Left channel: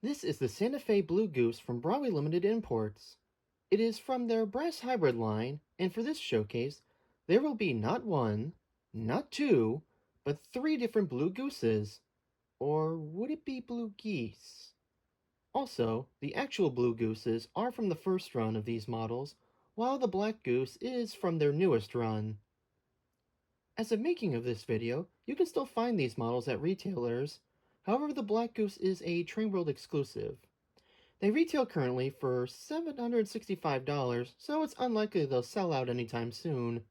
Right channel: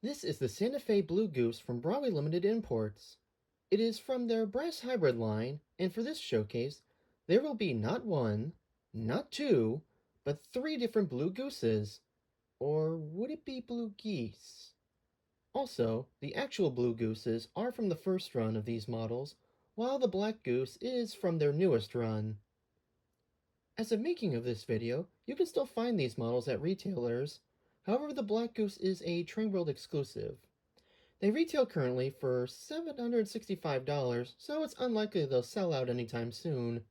This is the Santa Fe Blue Goose from Broadway Limited Imports. It is from their brass hybrid line, and for this showcase, there will be not one, not two, but three different blue gooses. Or would it be blue geese? Also, the actual blue gooses are from the first run of these models, while the black goose is from their newest run. As of making of this video, you can still find these models at retailers. However, the black goose is a Trainworld exclusive. They retail currently for $765, so it's unlikely they'll sell out anytime soon.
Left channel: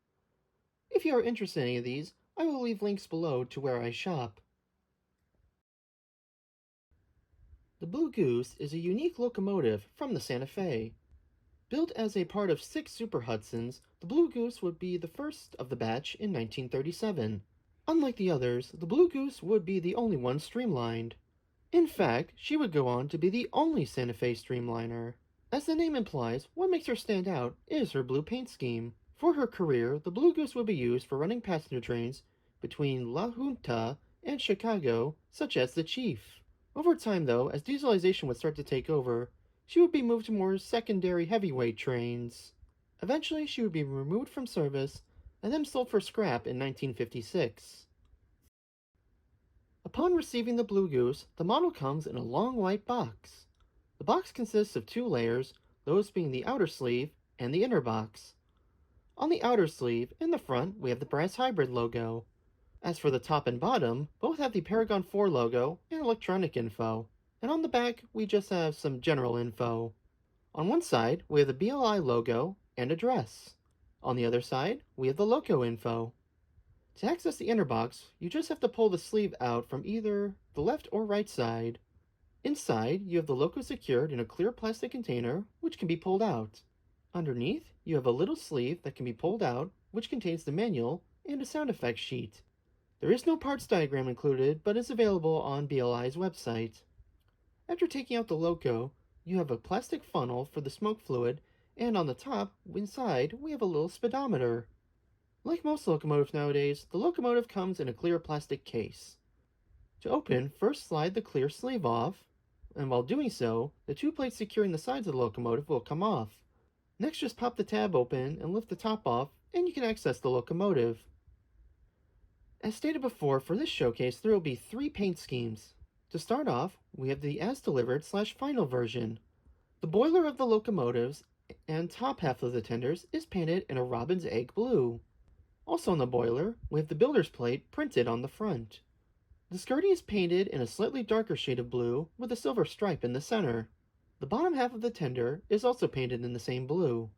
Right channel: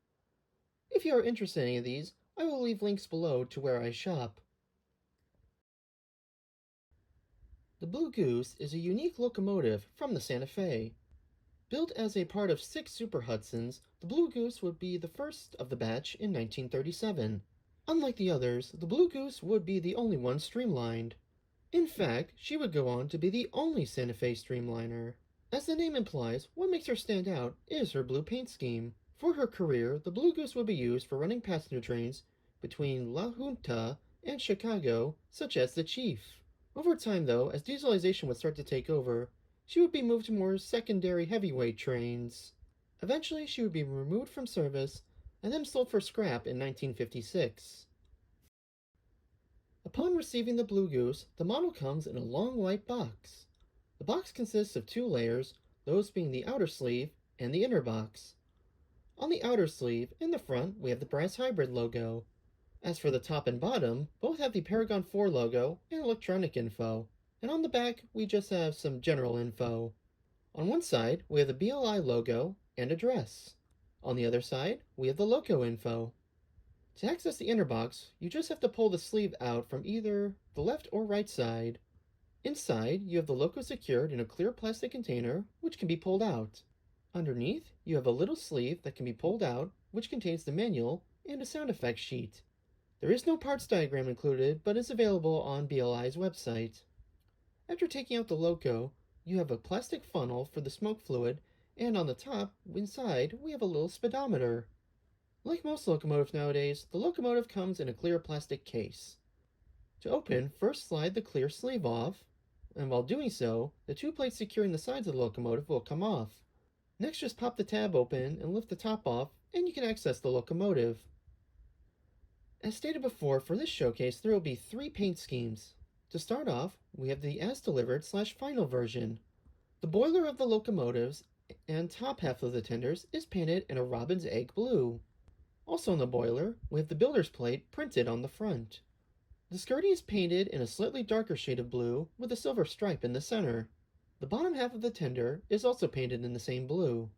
If you are interested in any of these, I will leave links below to where I shop. The Blue Goose is a unique locomotive from the Santa Fe. Built as a part of 6 Super Hudsons, the Blue Goose would be the first of the batch in 1937. Unlike the others, the Blue Goose would be the only one streamlined. In fact, she would go on to be the only Santa Fe streamliner. As the name implies, what makes her stand out is her blue paint scheme. For her career, the Blue Goose would be used for running passenger trains between La Junta and Chicago, such as the Chief. Over time, though, as dieselization would start to take over, she would be moved to more secondary heavyweight trains. Eventually, she would be removed from service and then sold for scrap in 1956. Upon receiving the Blue Goose, the model comes in a long white box. The box consists of 2 layers, those being the outer sleeve and the inner box. On the outer sleeve, in the front, we have the brass hybrid logo. As for the top and bottom, both have the Paragon 4 logo and electronic info. And on the back, we just have some general info. On one side, we have the BLI logo and address. On the other side, we have the loco info. To access the inner box, you just have to pull the sleeve out from either the left or right side. Inside, you have the loco secured in a clear plastic container, which can be pulled out. Underneath, you have a little sleeve that can be pulled out, which contains the manual and a sound effects sheet. There is no parts diagram included, but is available on BLI's website. After taking out the loco, you have a plastic funnel for the smoke fluid, and on the top, inside, we have a little speedometer. Like most locomotives nowadays, the locomotive comes in a clear plastic case. To open, first slide the clear sleeve off, and while doing so, the 2 plates securing the sides of the locomotive will come off. Next, just pop the tab open and lift the top off, and you can access the locomotive. As stated before, for this showcase, there will be 3 paint schemes. To start off, we have the as-delivered/final version. The boiler of the locomotives and top half of the tenders is painted in a robin's egg blue. Also on the boiler, we have the builder's plate printed on the front. The skirting is painted in a slightly darker shade of blue with a silver stripe in the center. The bottom half of the tender is also painted in the same blue.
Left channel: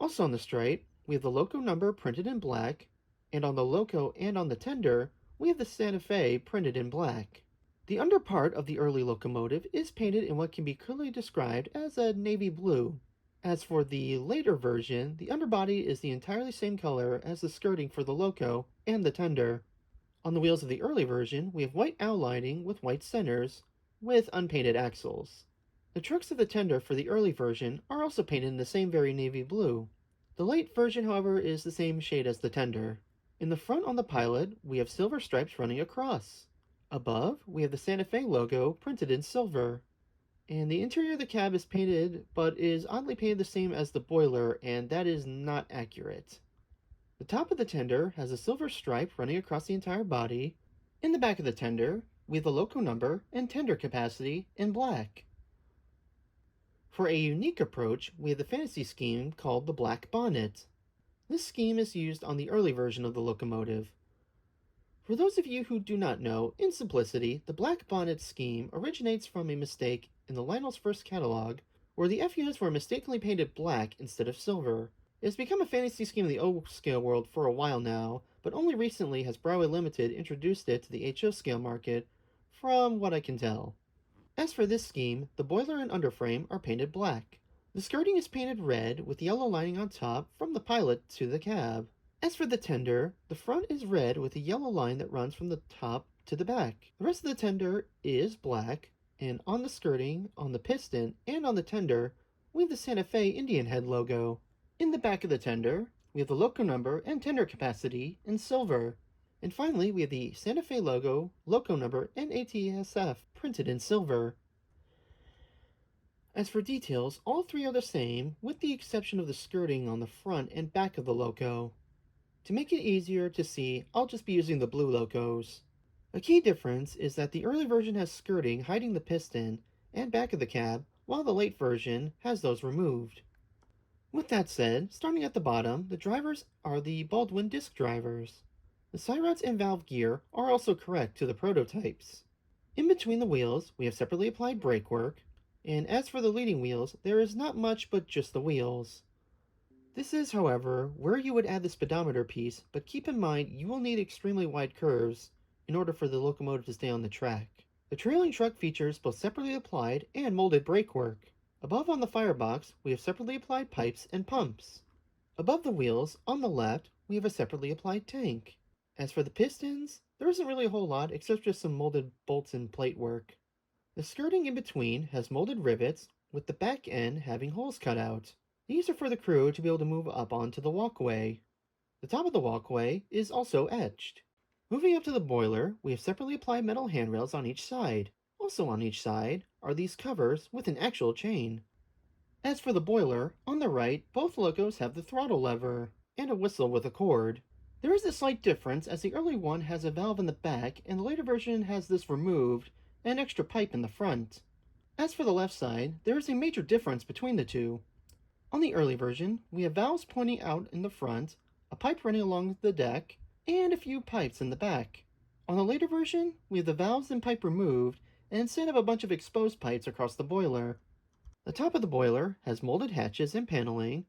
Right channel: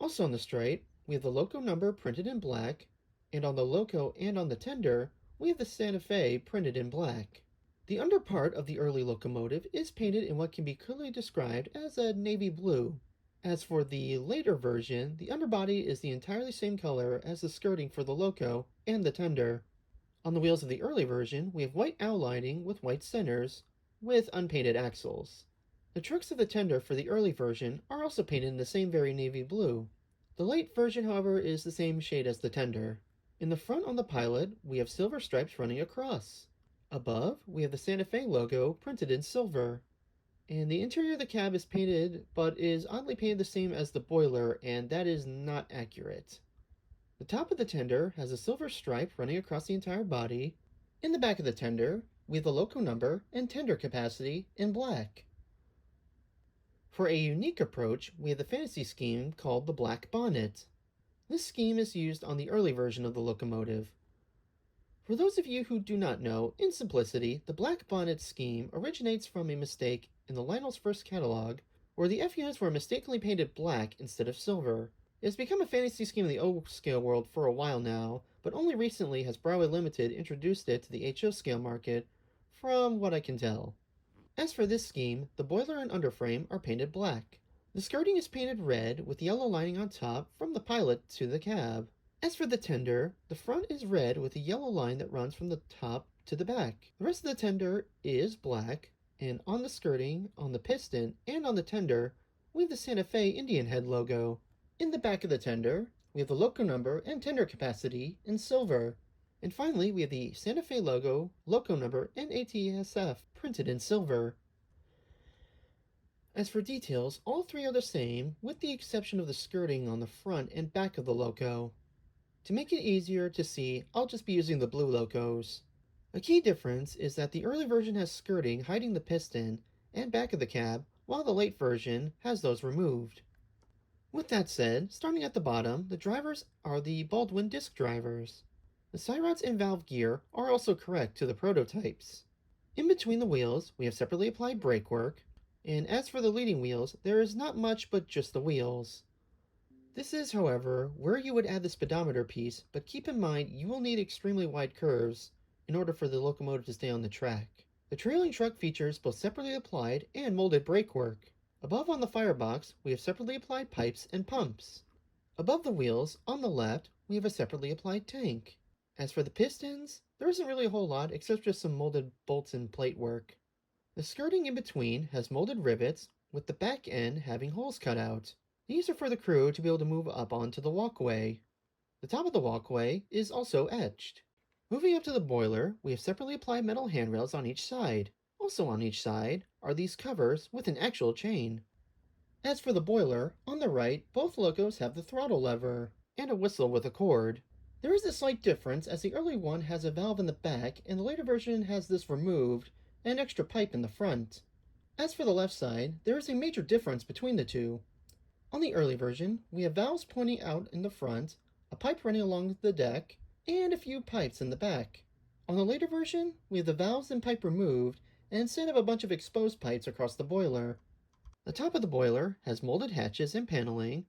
Also on the stripe, we have the loco number printed in black, and on the loco and on the tender, we have the Santa Fe printed in black. The under part of the early locomotive is painted in what can be clearly described as a navy blue. As for the later version, the underbody is the entirely same color as the skirting for the loco and the tender. On the wheels of the early version, we have white outlining with white centers, with unpainted axles. The trucks of the tender for the early version are also painted in the same very navy blue. The late version, however, is the same shade as the tender. In the front on the pilot, we have silver stripes running across. Above, we have the Santa Fe logo printed in silver. And the interior of the cab is painted, but is oddly painted the same as the boiler, and that is not accurate. The top of the tender has a silver stripe running across the entire body. In the back of the tender, we have the loco number and tender capacity in black. For a unique approach, we have the fantasy scheme called the Black Bonnet. This scheme is used on the early version of the locomotive. For those of you who do not know, in simplicity, the Black Bonnet scheme originates from a mistake in the Lionel's first catalog, where the F units were mistakenly painted black instead of silver. It has become a fantasy scheme in the O-scale world for a while now, but only recently has Broadway Limited introduced it to the HO scale market, from what I can tell. As for this scheme, the boiler and underframe are painted black. The skirting is painted red with yellow lining on top from the pilot to the cab. As for the tender, the front is red with a yellow line that runs from the top to the back. The rest of the tender is black, and on the skirting, on the piston, and on the tender, we have the Santa Fe Indian Head logo. In the back of the tender, we have the loco number and tender capacity in silver. And finally, we have the Santa Fe logo, loco number, and ATSF printed in silver. As for details, all three are the same, with the exception of the skirting on the front and back of the loco. To make it easier to see, I'll just be using the blue locos. A key difference is that the early version has skirting hiding the piston and back of the cab, while the late version has those removed. With that said, starting at the bottom, the drivers are the Baldwin disc drivers. The side rods and valve gear are also correct to the prototypes. In between the wheels, we have separately applied brake work, and as for the leading wheels, there is not much but just the wheels. This is, however, where you would add the speedometer piece, but keep in mind you will need extremely wide curves in order for the locomotive to stay on the track. The trailing truck features both separately applied and molded brake work. Above on the firebox, we have separately applied pipes and pumps. Above the wheels, on the left, we have a separately applied tank. As for the pistons, there isn't really a whole lot except just some molded bolts and plate work. The skirting in between has molded rivets, with the back end having holes cut out. These are for the crew to be able to move up onto the walkway. The top of the walkway is also etched. Moving up to the boiler, we have separately applied metal handrails on each side. Also on each side are these covers with an actual chain. As for the boiler, on the right, both locos have the throttle lever and a whistle with a cord. There is a slight difference as the early one has a valve in the back and the later version has this removed and an extra pipe in the front. As for the left side, there is a major difference between the two. On the early version, we have valves pointing out in the front, a pipe running along the deck, and a few pipes in the back. On the later version, we have the valves and pipe removed, and instead have a bunch of exposed pipes across the boiler. The top of the boiler has molded hatches and paneling.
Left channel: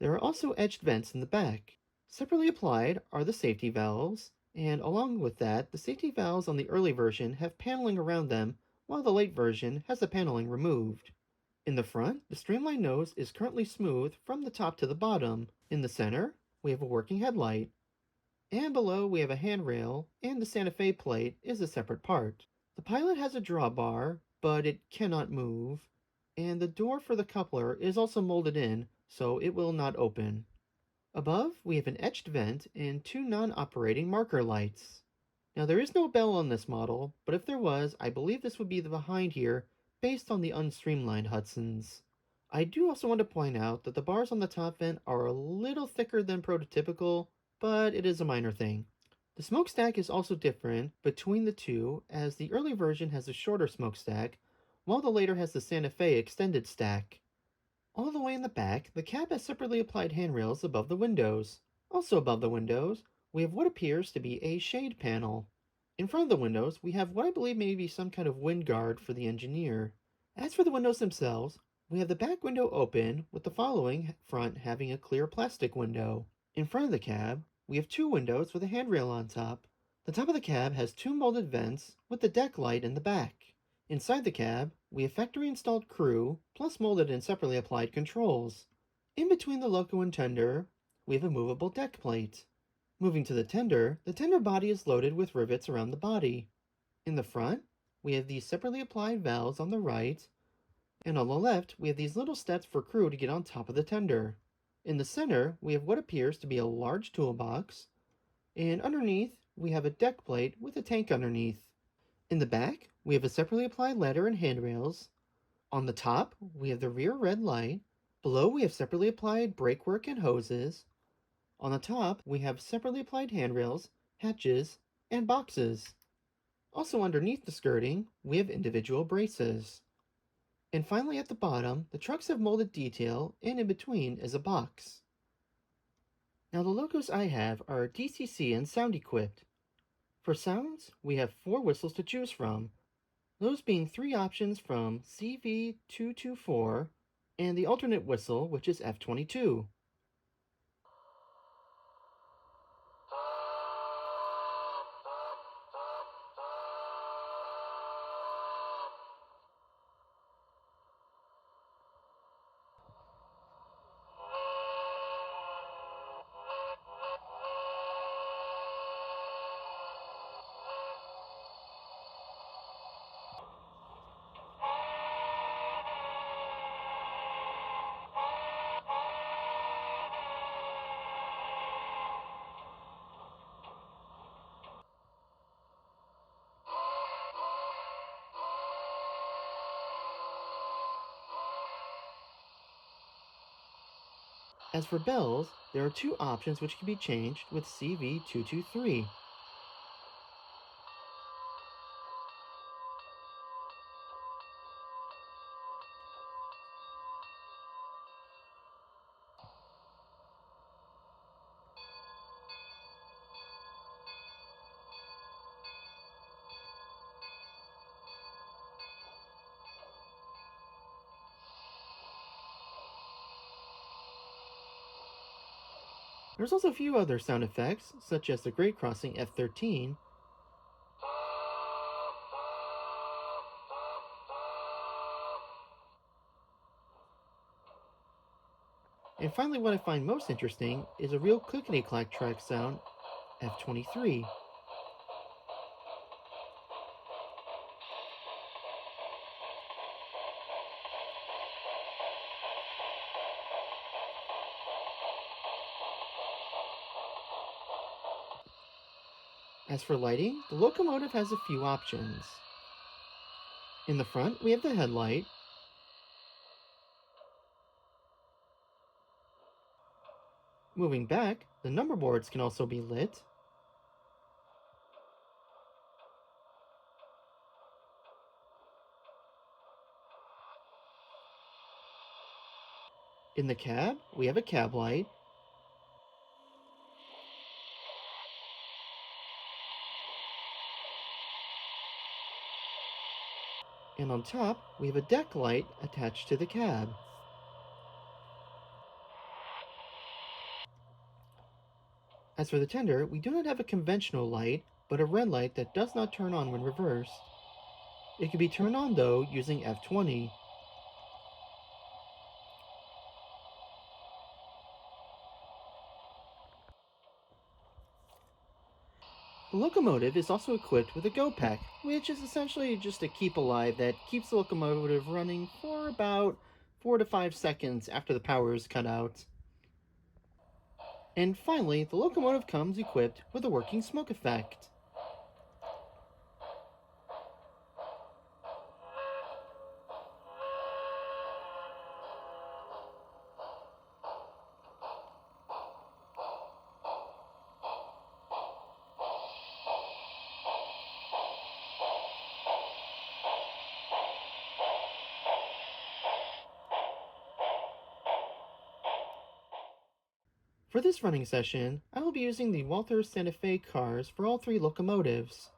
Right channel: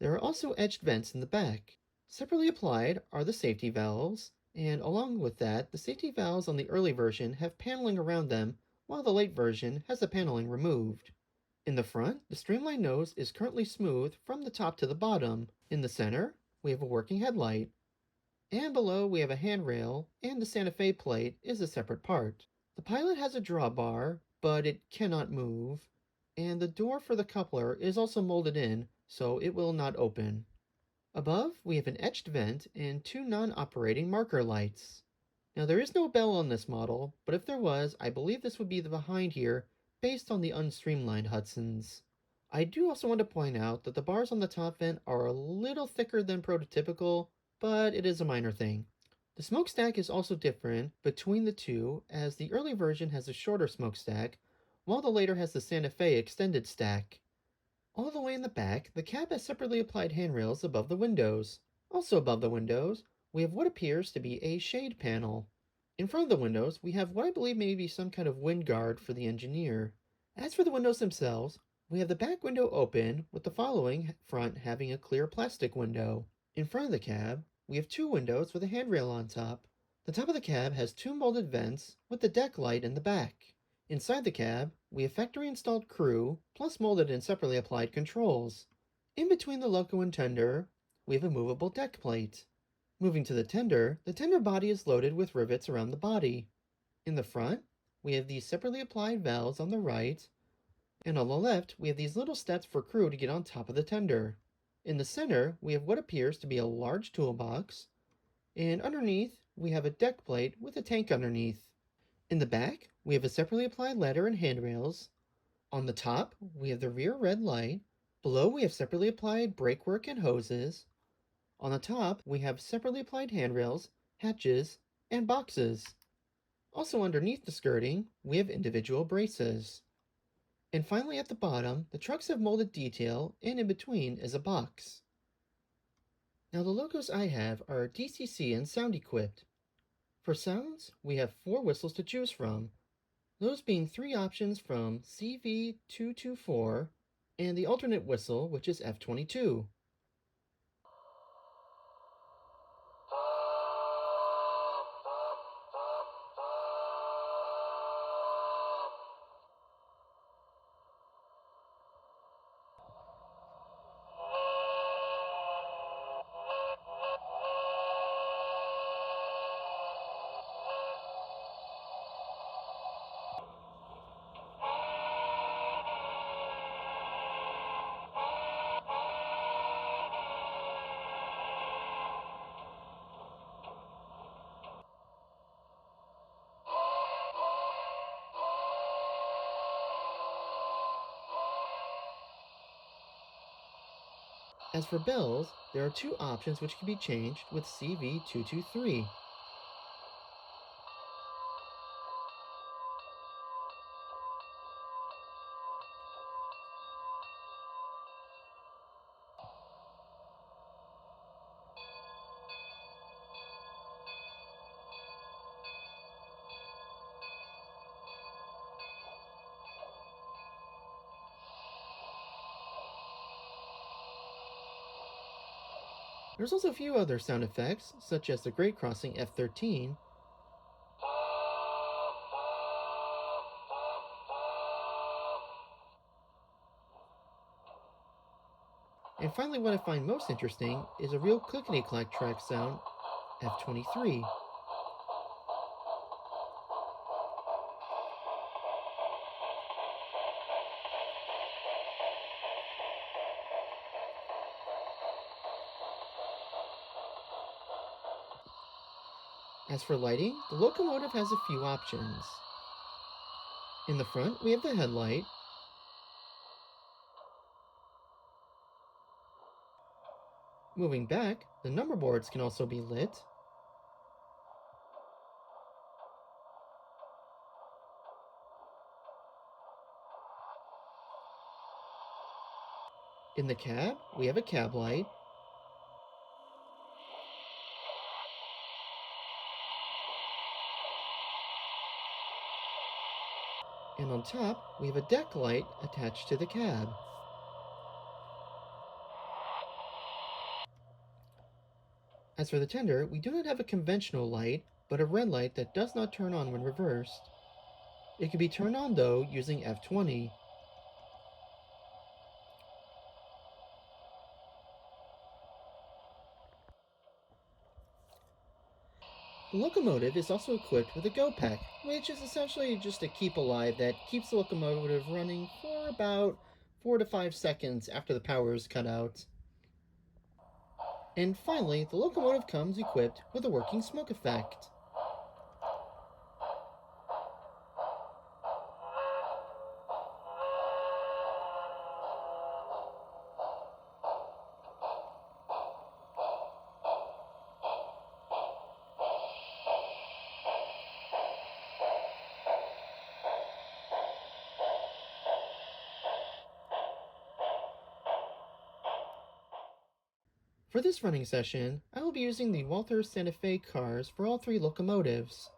There are also etched vents in the back. Separately applied are the safety valves, and along with that, the safety valves on the early version have paneling around them, while the late version has the paneling removed. In the front, the streamlined nose is currently smooth from the top to the bottom. In the center, we have a working headlight. And below, we have a handrail, and the Santa Fe plate is a separate part. The pilot has a drawbar, but it cannot move. And the door for the coupler is also molded in, so it will not open. Above, we have an etched vent and two non-operating marker lights. Now there is no bell on this model, but if there was, I believe this would be the behind here, based on the unstreamlined Hudsons. I do also want to point out that the bars on the top vent are a little thicker than prototypical, but it is a minor thing. The smokestack is also different between the two, as the early version has a shorter smokestack, while the later has the Santa Fe extended stack. All the way in the back, the cab has separately applied handrails above the windows. Also above the windows, we have what appears to be a shade panel. In front of the windows, we have what I believe may be some kind of wind guard for the engineer. As for the windows themselves, we have the back window open, with the following front having a clear plastic window. In front of the cab, we have two windows with a handrail on top. The top of the cab has two molded vents, with the deck light in the back. Inside the cab, we have factory-installed crew, plus molded and separately applied controls. In between the loco and tender, we have a movable deck plate. Moving to the tender body is loaded with rivets around the body. In the front, we have these separately applied valves on the right, and on the left, we have these little steps for crew to get on top of the tender. In the center, we have what appears to be a large toolbox, and underneath, we have a deck plate with a tank underneath. In the back, we have a separately applied ladder and handrails. On the top, we have the rear red light. Below, we have separately applied brake work and hoses. On the top, we have separately applied handrails, hatches, and boxes. Also underneath the skirting, we have individual braces. And finally at the bottom, the trucks have molded detail, and in between is a box. Now the locos I have are DCC and sound equipped. For sounds, we have 4 whistles to choose from, those being 3 options from CV224 and the alternate whistle, which is F22. As for bells, there are two options which can be changed with CV223. There's also a few other sound effects, such as the grade crossing F13, and finally what I find most interesting is a real clickety-clack track sound, F23. As for lighting, the locomotive has a few options. In the front, we have the headlight, moving back, the number boards can also be lit, in the cab, we have a cab light, and on top, we have a deck light attached to the cab. As for the tender, we do not have a conventional light, but a red light that does not turn on when reversed. It can be turned on though using F20. The locomotive is also equipped with a go pack, which is essentially just a keep alive that keeps the locomotive running for about 4 to 5 seconds after the power is cut out. And finally, the locomotive comes equipped with a working smoke effect. For this running session, I will be using the Walther Santa Fe cars for all three locomotives.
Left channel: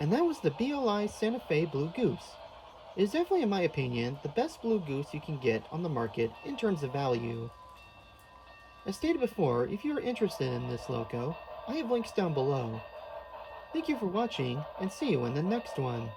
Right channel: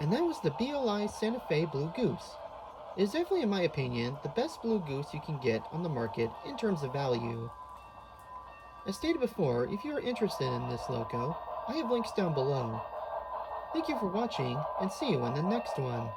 And that was the BLI Santa Fe Blue Goose. It is definitely, in my opinion, the best blue goose you can get on the market in terms of value. As stated before, if you are interested in this loco, I have links down below. Thank you for watching, and see you in the next one.